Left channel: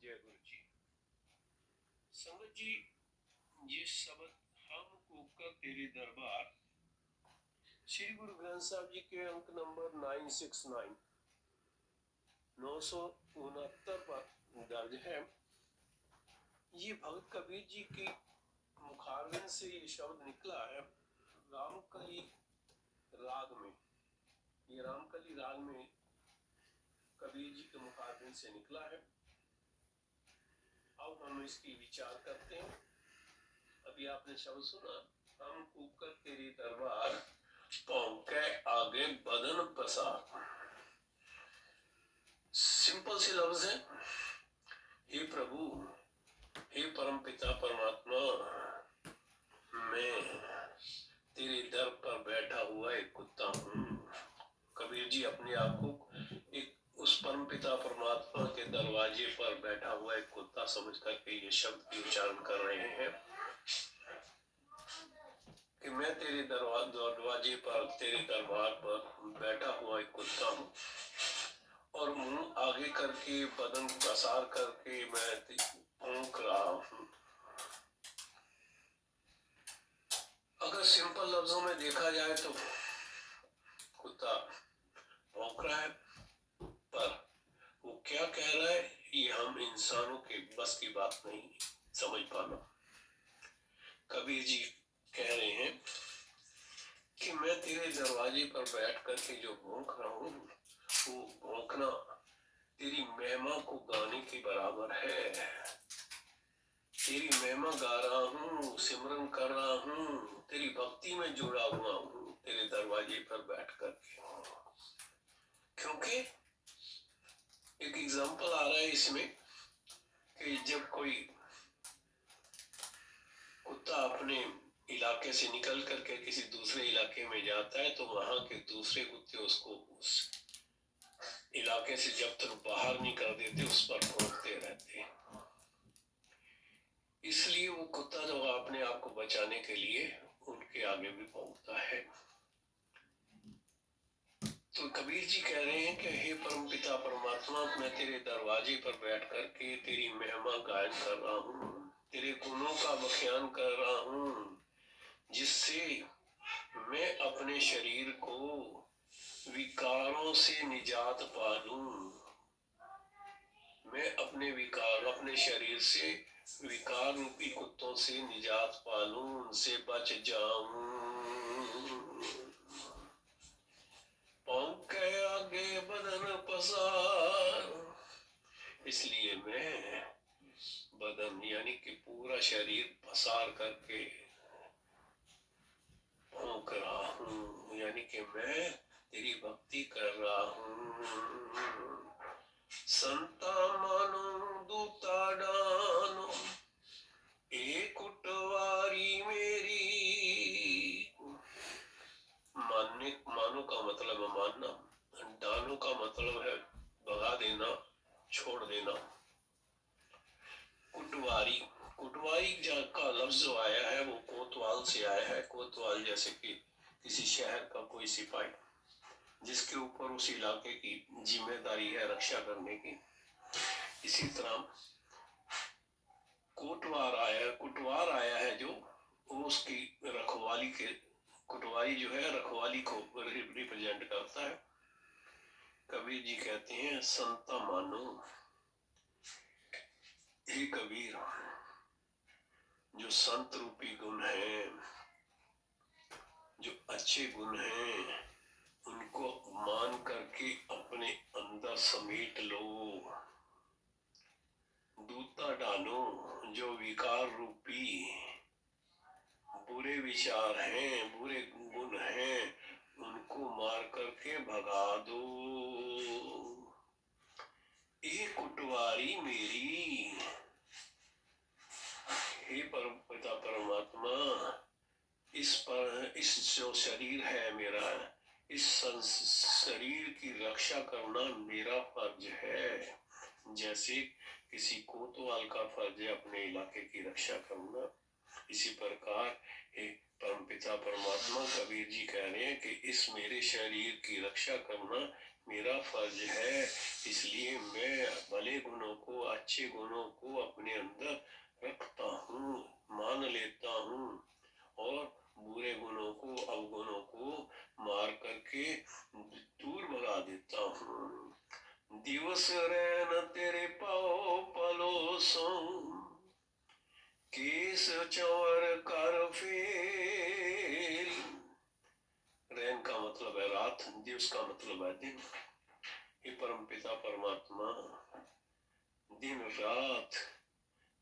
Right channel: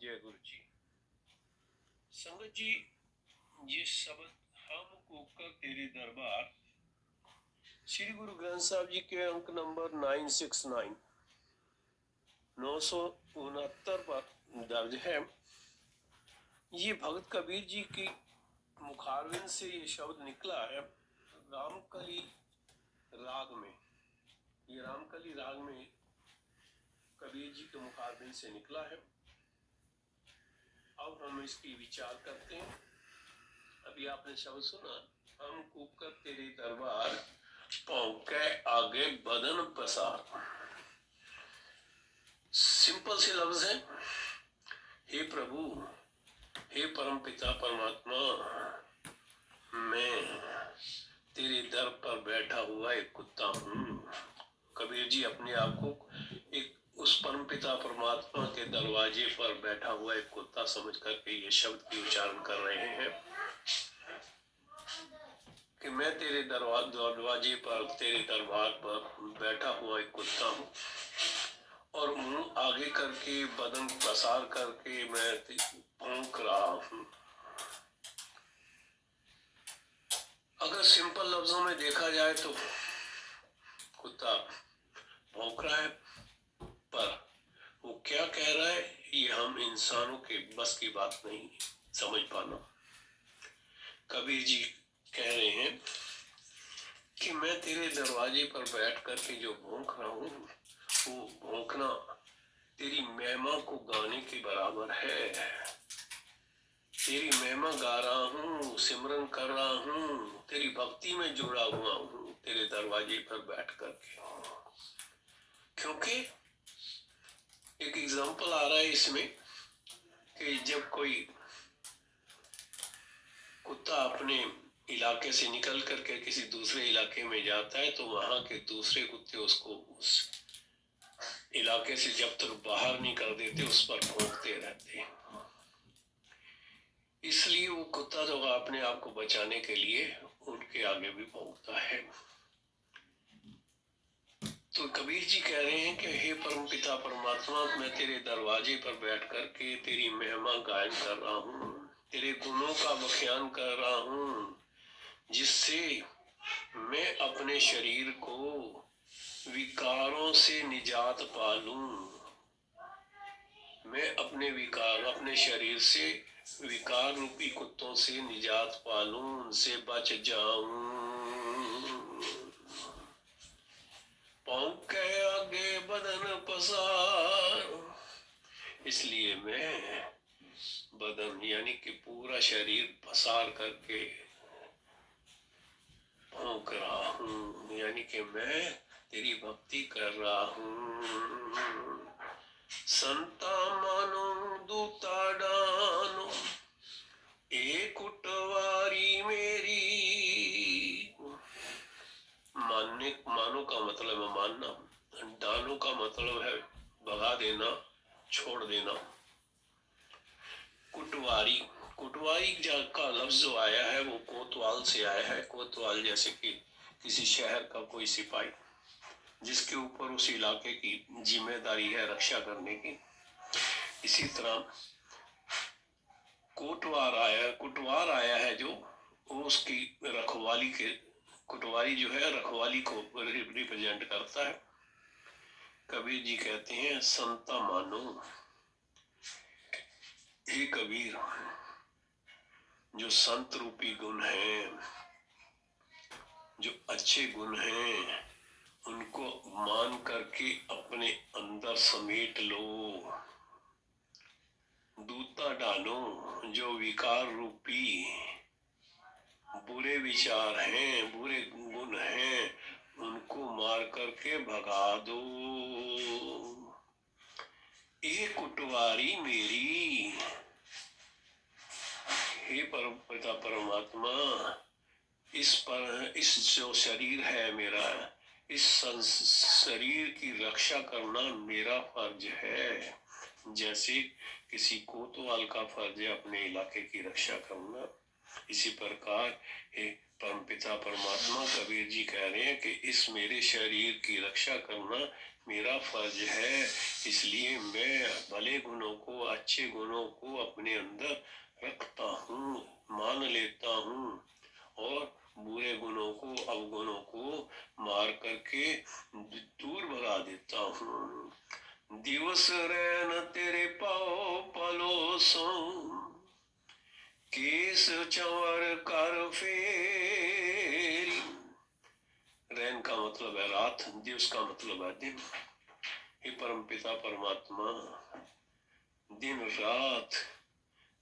जय गुरु जी। संगत जी, ये शब्द हम कोकर तेरे दरबार श्री गुरु ग्रंथ साहब जी के अंक नंबर 969 969 पर दर्ज है। ये भगत कबीर जी की मुखारविंद से ये शब्द निकला है रामकली राग में। ये रामकली राग में कबीर जी के मुखारविंद से निकला है। अब हम इसकी विचार करते हैं। अभी आपने शब्द सुना, हम कुकर तेरे दरबार पौके आगे बदन पसार। सिंपल से लफ्ज है, हे प्रभु, हे परम पिता परमात्मा, मैं तेरे दर पर बैठा हुआ एक कुत्ता हूँ। कबीर जी अपने आप को एक उस परम पिता परमात्मा के दरवाजे पर बैठा हुआ एक कुत्ता समझ करके ये शब्द की उच्चारण कर रहे हैं कि मैं तेरे दरवाजे पर, तेरे दरबार पर बैठा हुआ एक कुत्ता हूँ और मुंह आगे करके बदन पसार करके मैं भौंक रहा हूँ। अगर सिंपल लफ्जों में देखा जाए तो कुत्ता भौंक रहा है, पर वो क्या कह रहा है ये हम इंसानों के बस की बात नहीं समझ पाना। कबीर जी कह रहे हैं कि मैं तेरे दरवाजे पर बैठ करके जो भौंक रहा हूँ वो भौंकना तेरी महिमा को गाने के बराबर है। तेरी महिमा गा रहा हूँ, सिमरन कर रहा हूँ, तेरी भक्ति में जुड़ा हुआ हूँ तेरे दरवाजे पर बैठ करके। क्योंकि एक एग्जाम्पल आ रहा है इसमें कि जब कोई कुत्ता अपने इलाके से निकल करके किसी दूसरे इलाके में जाता है तो वहां के दूसरे कुत्ते उसको उस इलाके से जब तक बाहर नहीं कर देते उस पर भौंकते रहते हैं। इसलिए वो कुत्ता तो अपने आप को बचाने के लिए उनके आगे भी भौंकता है। तो कबीर जी कह रहे हैं कि हे परम पिता परमात्मा, मैं तेरे दरवाजे पर बैठ करके तेरी महिमा गायन कर रहा हूँ, तेरे गुणों का बख्यान कर रहा हूँ, जिससे मैं अपने शरीर को विकारों से निजात पालूं। मैं अपने विकार, अपने शरीर से विकार रूपी कुत्तों से निजात पालूं, उनसे बच जाऊं। भौंके आगे बदन पसार, इसलिए मैं बदन यानी कि पूरा शरीर पसार करके भौंक रहा हूँ, यानी कि मैं तेरी भक्ति कर रहा हूँ। संता मानो दूता डानो, एक उठवारी मेरी। मानने, मानो का मतलब है मानना, डानो का मतलब है भगा देना, छोड़ देना। कुटवारी, कुटवारी का लफ्ज जो आया है वो कोतवाल से आया है। कोतवाल जैसे कि किसी शहर का कोई सिपाही जिसके ऊपर उस इलाके की जिम्मेदारी है रक्षा करने की। इसी तरह कुटवार आया है जो उसकी रखवाली के, कुटवारी जो है रखवाली को रिप्रेजेंट करता है। कबीर जी कहते हैं संता मानो, हे कबीर, जो संत रूपी गुण है, जो अच्छे गुण हैं, उनको मान करके अपने अंदर समेट लो। दूता डालो, जो विकार रूपी बुरे विचार हैं, बुरे गुण हैं, उनको मार करके भगा दो। एक कुटवारी मेरी, हे परम पिता परमात्मा, इस जो शरीर है मेरा, इस शरीर की रक्षा करना मेरा फर्ज है, जैसे किसी कोतवाल का फर्ज है अपने इलाके की रक्षा करना। इसी प्रकार हे परमपिता परमात्मा, कबीर जी कह रहे हैं कि इस मेरे शरीर की रक्षा करना मेरा फर्ज है, इसलिए मैं भले गुणों को, अच्छे गुणों को अपने अंदर रखता हूँ, मान लेता हूँ, और बुरे गुणों को, अवगुणों को मार करके दूर भगा देता हूँ। दिवस रैन तेरे पाओ पलोसो, केस चंवर कर फेरी। रैन का मतलब है रात, दिवस का मतलब है दिन। हे परम पिता परमात्मा, दिन रात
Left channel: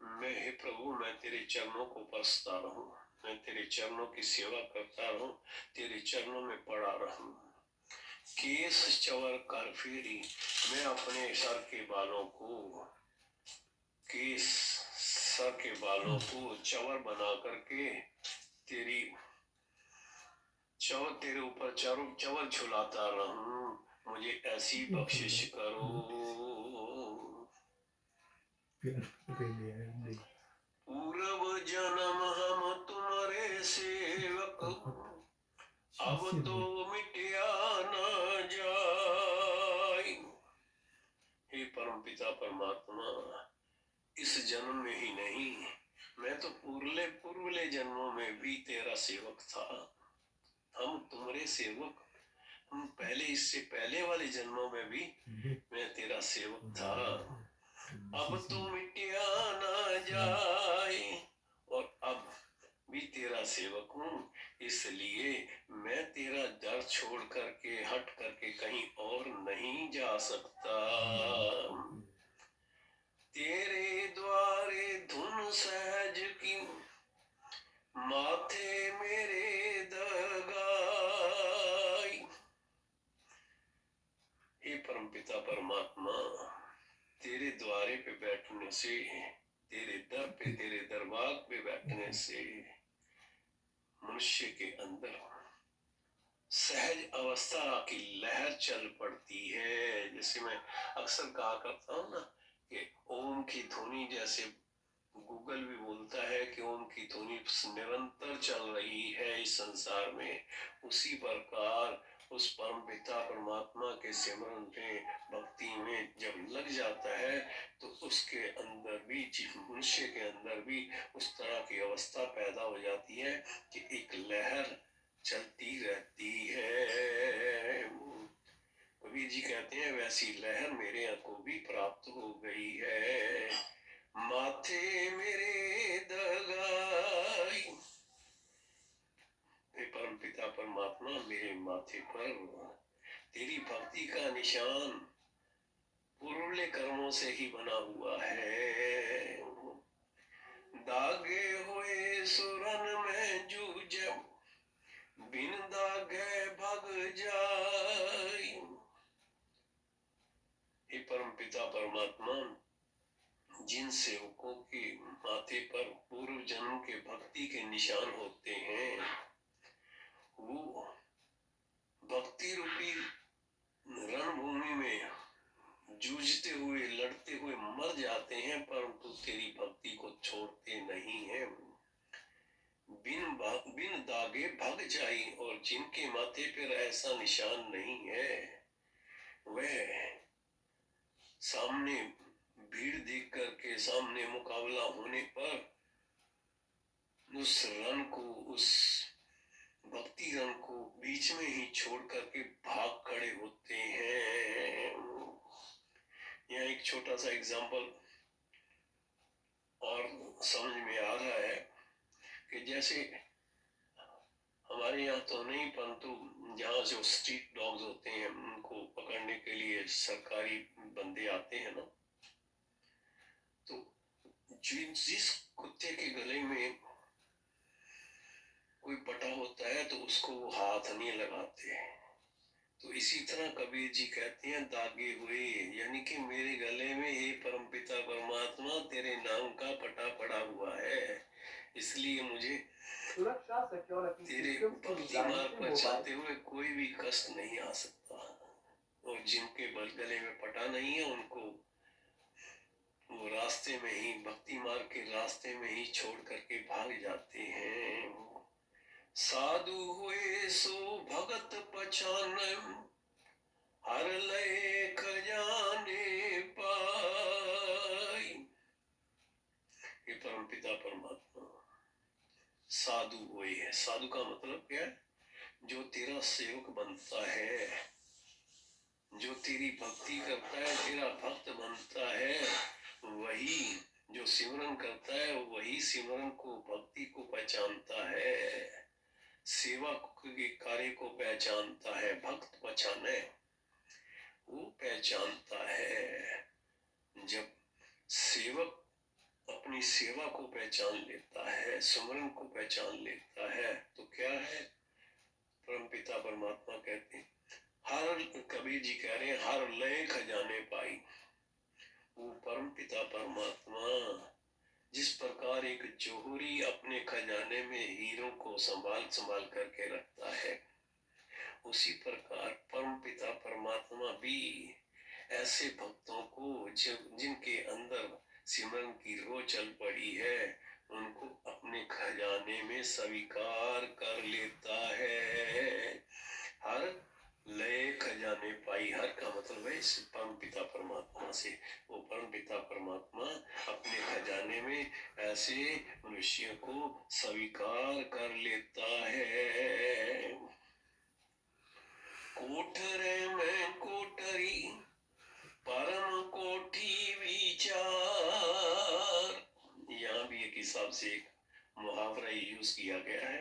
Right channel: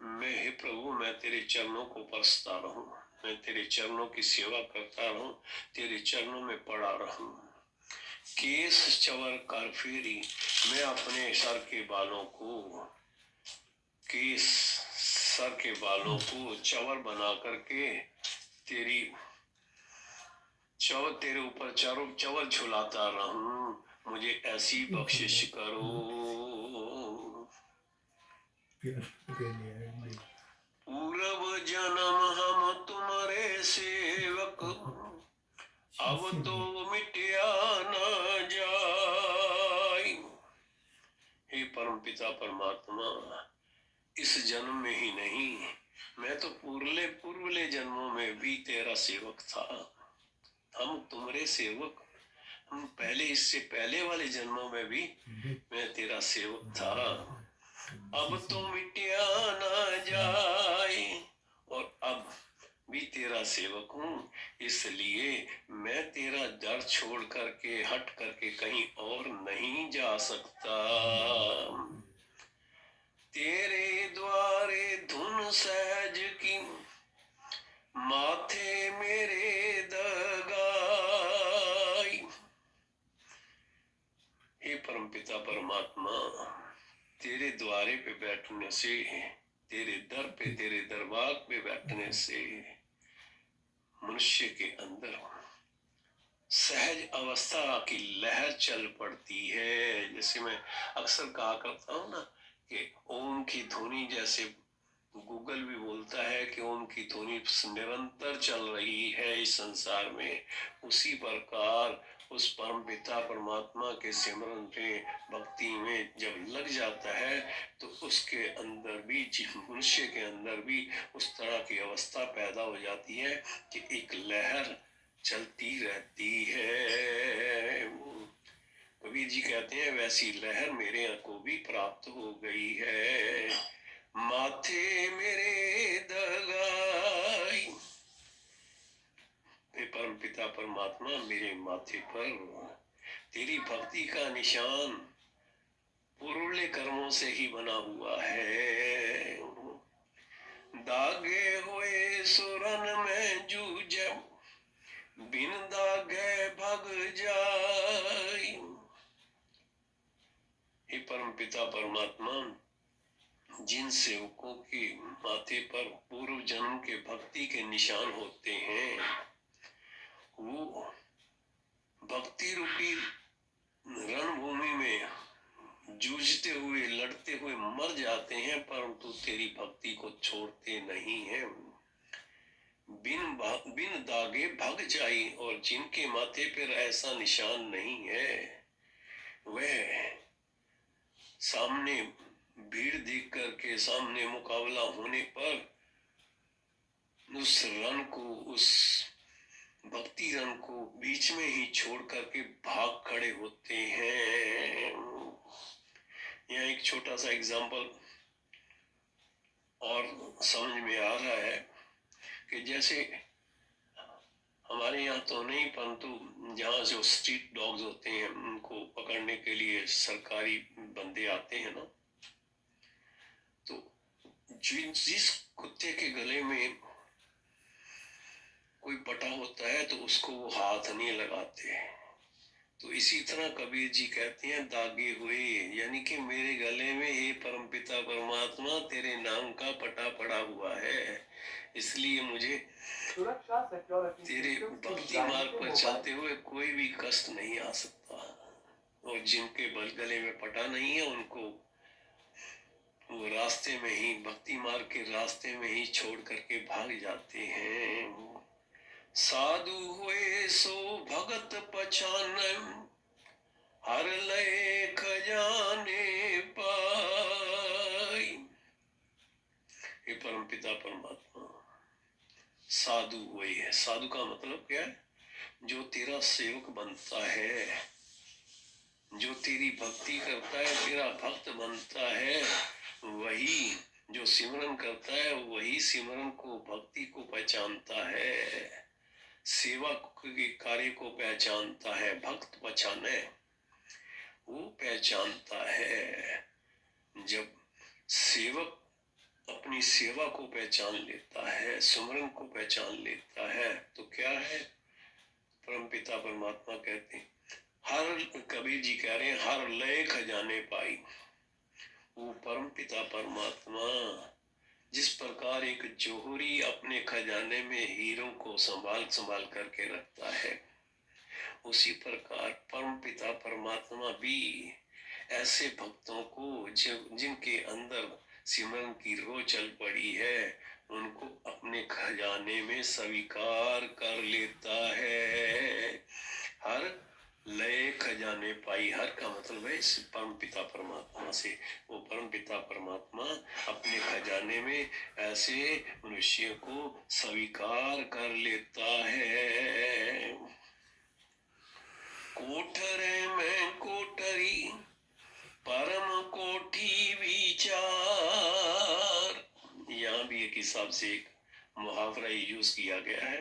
मैं, हे प्रभु, मैं तेरे चरणों को परसता रहूं, मैं तेरे चरणों की सेवा करता रहूं, तेरे चरणों में पड़ा रहूं। केस चंवर कर फेरी, मैं अपने सर के बालों को, केस सर के बालों को चंवर बना करके तेरी चंवर, तेरे ऊपर चंवर झुलाता रहूं, मुझे ऐसी बख्शिश करो। पूर्व जन्म हम तुम्हारे सेवक, अब तो मिटिया न जाए। हे परम पिता परमात्मा, इस जन्म में ही नहीं, मैं तो पूर्वले जन्मों में भी तेरा सेवक था। हम तुम्हारे सेवक, हम पहले, इससे पहले वाले जन्मों में भी मैं तेरा सेवक था। अब तो मिटिया ना जाए, और अब भी तेरा सेवक हूँ, इसलिए मैं तेरा दर छोड़ करके, हट करके कहीं और नहीं जा सकता। तेरे द्वारे धुन सहज की, माथे मेरे दगाई। हे परमपिता परमात्मा, तेरे द्वारे पे बैठने से, तेरे दर पे, तेरे दरबार पे बैठने से मनुष्य के अंदर सहज अवस्था की लहर चल पड़ती है। जैसे मैं अक्सर कहा करता हूँ ना कि ओम की ध्वनि, जैसे गूगल भी बोलता है कि ओम की ध्वनि निरंतर चल रही है इस संसार में, उसी प्रकार उस परम पिता परमात्मा के सिमरन पे, भक्ति में जब लग जाता है तो उसके अंदर भी, मनुष्य के अंदर भी उस तरह की अवस्था पैदा हो जाती है कि एक लहर चलती रहती है। कबीर जी कहते हैं वैसी लहर मेरे को भी प्राप्त हो गई है। माथे मेरे दगाई, परम पिता परमात्मा, मेरे माथे पर तेरी भक्ति का निशान पूर्वले कर्मों से ही बना हुआ है। दागे हुए सुरन में जूझ, बिन दागे भग जाई। हे परम पिता परमात्मा, जिन सेवकों के माथे पर पूर्व जन्म के भक्ति के निशान होते हैं, वो भक्ति रूपी रणभूमि में जूझते हुए, लड़ते हुए मर जाते हैं, परंतु तेरी भक्ति को छोड़ते नहीं हैं। बिन दागे भग जाई, और जिनके माथे पर ऐसा निशान नहीं है, वह सामने भीड़ देख करके, सामने मुकाबला होने पर उस रण को, उस भक्ति रन को बीच में ही छोड़ करके भाग खड़े होते हैं। यहाँ एक छोटा सा एग्जाम्पल और समझ में आ रहा है कि जैसे हमारे यहाँ तो नहीं, परंतु जहाँ जो स्ट्रीट डॉग्स होते हैं, उनको पकड़ने के लिए सरकारी बंदे आते हैं ना, तो जिस कुत्ते के गले में कोई पटा होता है तो उसको वो हाथ नहीं लगाते। तो इसी तरह कबीर जी कहते हैं दागे हुए, यानी कि मेरे गले में हे परमपिता परमात्मा तेरे नाम का पटा पड़ा हुआ है, इसलिए मुझे तेरे भक्ति मार्ग पर चलते हुए कोई भी कष्ट नहीं आ सकता। और जिनके गले में पटा नहीं है, वो रास्ते में ही, भक्ति मार्ग के रास्ते में ही छोड़ करके भाग जाते हैं। साधु हुए सो भगत पहचान, हर लय खजाने पाई। ये परम पिता परमात्मा साधु वही है। साधु का मतलब क्या है? जो तेरा सेवक बनता है, जो तेरी भक्ति करता है, तेरा भक्त बनता है, वही जो सिमरन करता है, वही सिमरन को, भक्ति को पहचानता है, सेवा के कार्य को पहचानता है। भक्त पहचाने, वो पहचानता है। जब सेवक अपनी सेवा को पहचान लेता है, सिमरन को पहचान लेता है, तो क्या है? परम पिता परमात्मा कहते हैं, हर, कबीर जी कह रहे हैं, हर लय खजाने पाई। वो परम पिता परमात्मा जिस प्रकार एक जोहरी अपने खजाने में हीरों को संभाल संभाल करके रखता है, उसी प्रकार परम पिता परमात्मा भी ऐसे भक्तों को जिनके अंदर सिमरन की रो चल पड़ी है, उनको अपने खजाने में स्वीकार कर लेता है। हर लय खजाने पाई। हर का मतलब है परम पिता परमात्मा से। वो परम पिता परमात्मा अपने खजाने में ऐसे मनुष्य को स्वीकार कर लेता है। कोठरे में कोठरी परम कोठी विचार। यहाँ भी एक हिसाब से एक मुहावरा यूज किया गया है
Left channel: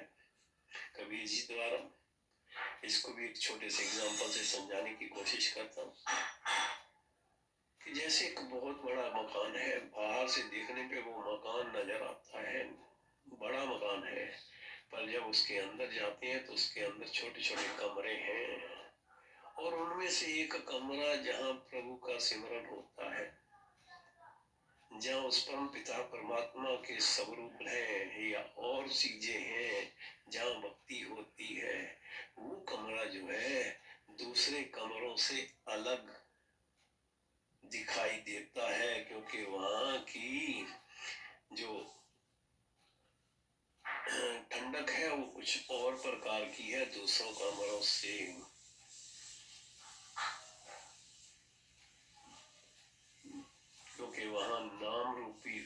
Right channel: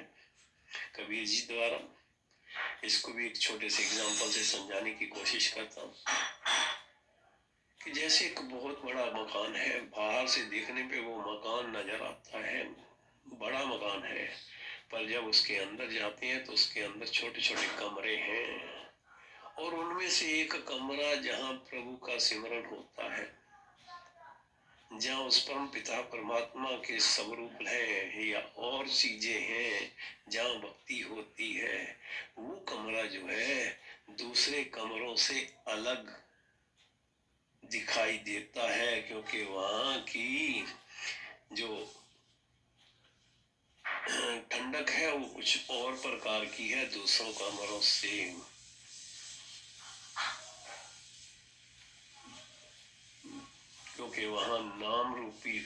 कबीर जी द्वारा। इसको भी एक छोटे से एग्जांपल से समझाने की कोशिश करता हूँ कि जैसे एक बहुत बड़ा मकान है, बाहर से देखने पे वो मकान नजर आता है, बड़ा मकान है, पर जब उसके अंदर जाते हैं तो उसके अंदर छोटे छोटे कमरे हैं, और उनमें से एक कमरा जहाँ प्रभु का सिमरन होता है, जहाँ उस परम पिता परमात्मा के स्वरूप है या और चीजें हैं, जहाँ भक्ति होती है, वो कमरा जो है दूसरे कमरों से अलग दिखाई देता है, क्योंकि वहाँ की जो ठंडक है वो कुछ और प्रकार की है दूसरों कमरों से। क्योंकि वहाँ नाम रूपी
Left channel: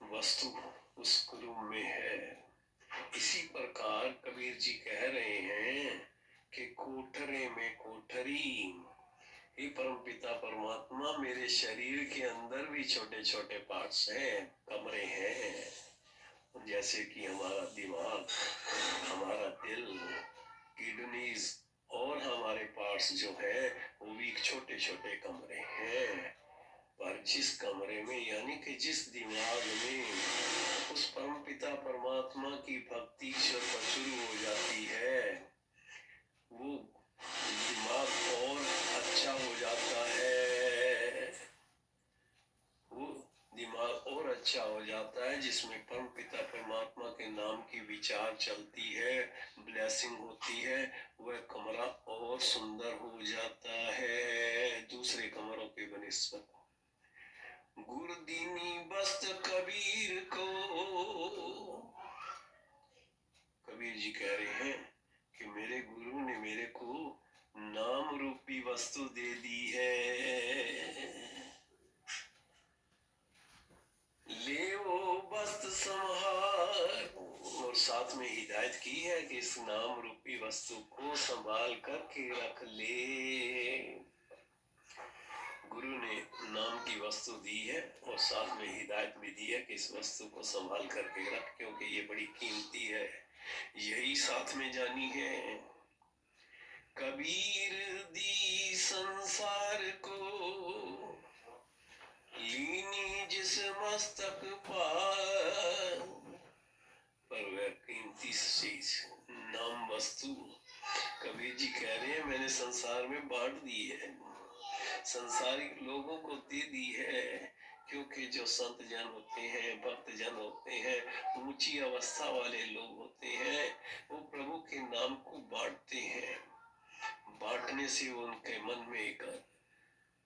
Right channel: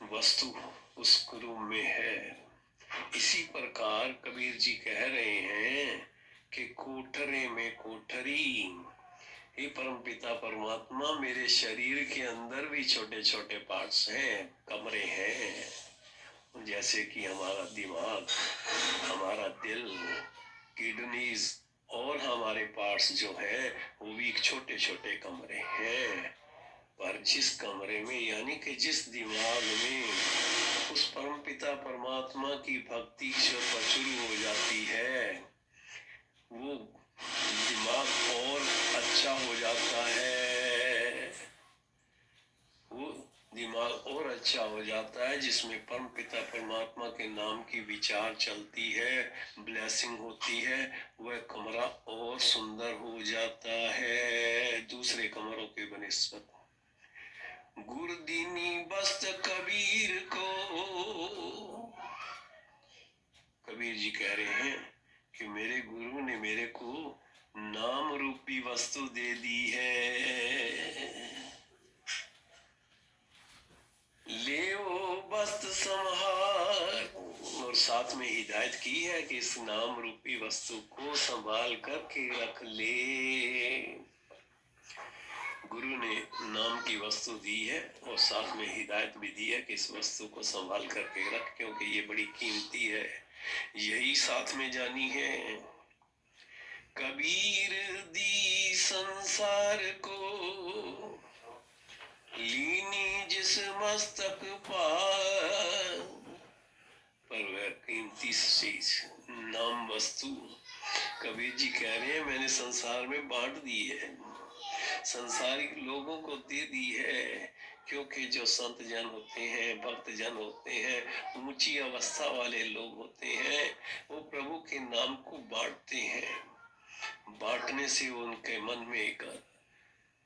वस्तु उस रूम में है। इसी प्रकार कबीर जी कह रहे हैं कि कोठरे में कोठरी, हे परम पिता परमात्मा, मेरे शरीर के अंदर भी छोटे छोटे पार्ट्स हैं, कमरे हैं, जैसे कि हमारा दिमाग, हमारा दिल, किडनीज और हमारे पार्ट्स जो है वो भी छोटे छोटे कमरे हैं। पर जिस कमरे में, यानी कि जिस दिमाग में उस परम पिता परमात्मा की भक्ति जो प्रचुर हो जाती है, वो दिमाग और अच्छा हो जाता है। वो दिमाग और अच्छा हो जाता है जिसमें परम पिता परमात्मा के नाम की विचार चलती है, ब्लेसिंग होती है, वह कमरा और सुंदर हो जाता है दूसरे कमरों के बनिस्बत। गुरदीनी बस्त कबीर को, कबीर जी कह रहे हैं कि मेरे गुरु ने मेरे को नाम रूपी वस्तु दे दी है। ले वो बस्त संभार, और साथ में हिदायत की है कि इस नाम रूपी वस्तु को संभाल करके रख ले। गुरु ने नाम की वस्तु दी है और साथ में हिदायत भी दी है कि इस वस्तु को संभाल करके रख, क्योंकि ये बड़ी कीमती है, यही साथ में जानी है। कबीर दी संसार को लीनी जिस मस्तक पर, वह कीमती चीज नाम वस्तु कबीर जी कह रहे हैं मैंने संसार में बांट दी है, संसारिक लोगों को दे दी है, क्योंकि जो संत जन होते हैं, भक्त जन होते हैं, ऊंची अवस्था वाले लोग होते हैं, वो प्रभु के नाम को बांटते हैं। बांटने से उनके मन में एक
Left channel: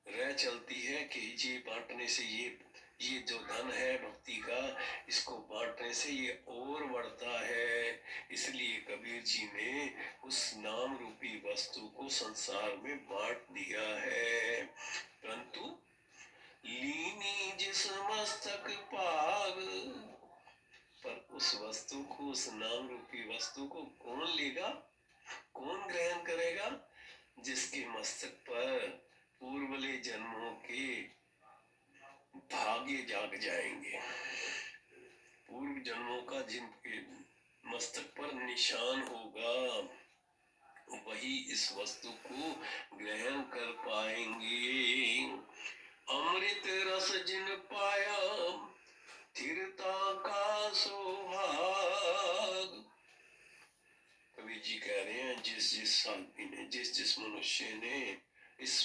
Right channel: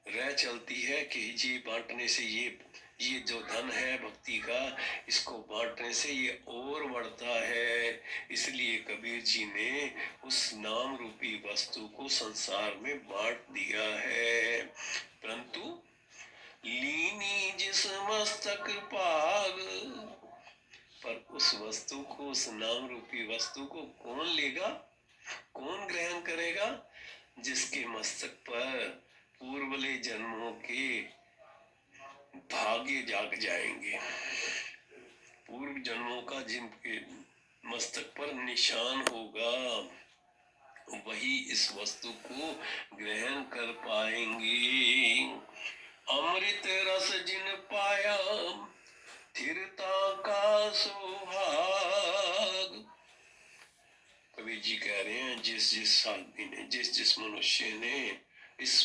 राह चलती है कि ये बांटने से ये जो धन है भक्ति का, इसको बांटने से ये और बढ़ता है। इसलिए कबीर जी ने उस नाम रूपी वस्तु को संसार में बांट दिया है। परंतु लीनी जिस मस्तक पाग, पर उस वस्तु को, उस नाम रूपी वस्तु को कौन लेगा, कौन ग्रहण करेगा? जिसके मस्तक पर पूर्वले जन्मों के भाग्य जाग जाएंगे, पूर्व जन्मों का जिनके मस्तक पर निशान होगा, वही इस वस्तु को ग्रहण कर पाएंगे। अमृत रस जिन पाया स्थिरता का सुहाग। कबीर जी कह रहे हैं, जिस आदमी ने, जिस मनुष्य ने इस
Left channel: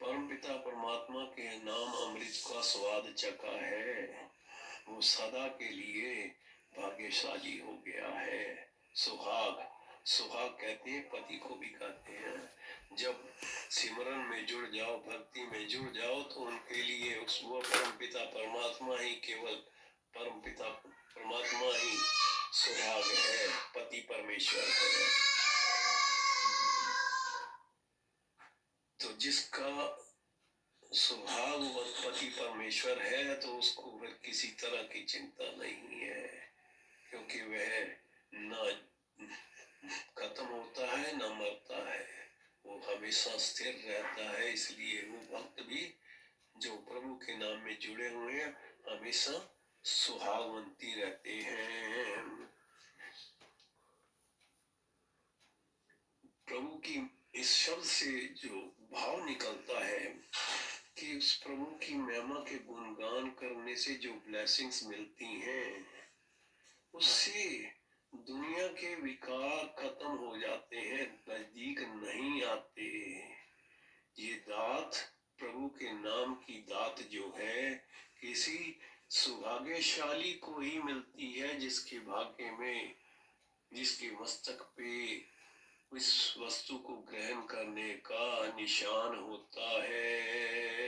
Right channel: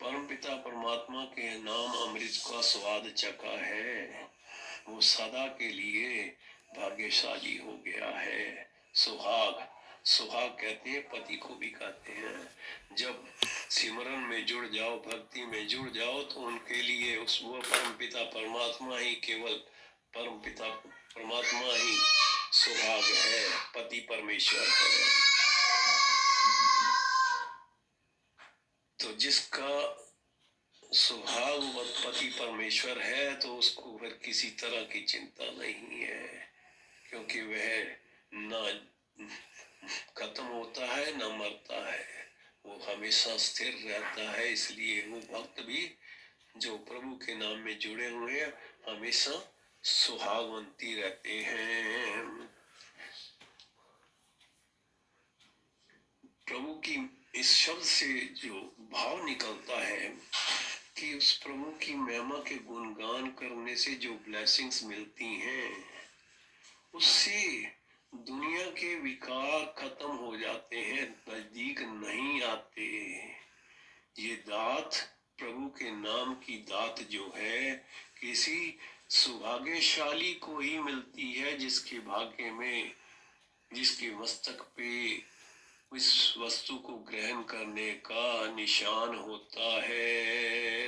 परमपिता परमात्मा के नाम अमृत का स्वाद चखा है, वो सदा के लिए भाग्यशाली हो गया है। सुहाग, सुहाग कहते हैं, पति को भी कहते हैं। जब सिमरन में जुड़ जाओ, भक्ति में जुड़ जाओ, तो उनके लिए उस वो परमपिता परमात्मा ही, केवल परमपिता परमात्मा ही सुहाग है, पति परमेश्वर है। तो जिसका सुहाग व पति परमेश्वर है, तो उसको फिर किसी तरह की चिंता नहीं है, क्योंकि वह न खत्म होता है न मरता है, वो हमेशा स्थिर रहता है। इसलिए वो भक्त भी जो प्रभु के नाम में जुड़े हुए हैं, हमेशा सुहागवंती रहते हैं। प्रभु की इस शब्द से जो भाव निकलता है कि उस प्रभु की महिमा के गुणगान करने से जो ब्लेसिंग्स मिलती हैं, उससे दुनिया के विकार खत्म हो जाते हैं, नजदीक नहीं आते। ये दात, प्रभु के नाम की दात जो है, किसी सौभाग्यशाली को ही मिलती है, जिसके भाग्य में, जिसके मस्तक पे इस वस्तु को ग्रहण करने का निशान होता है।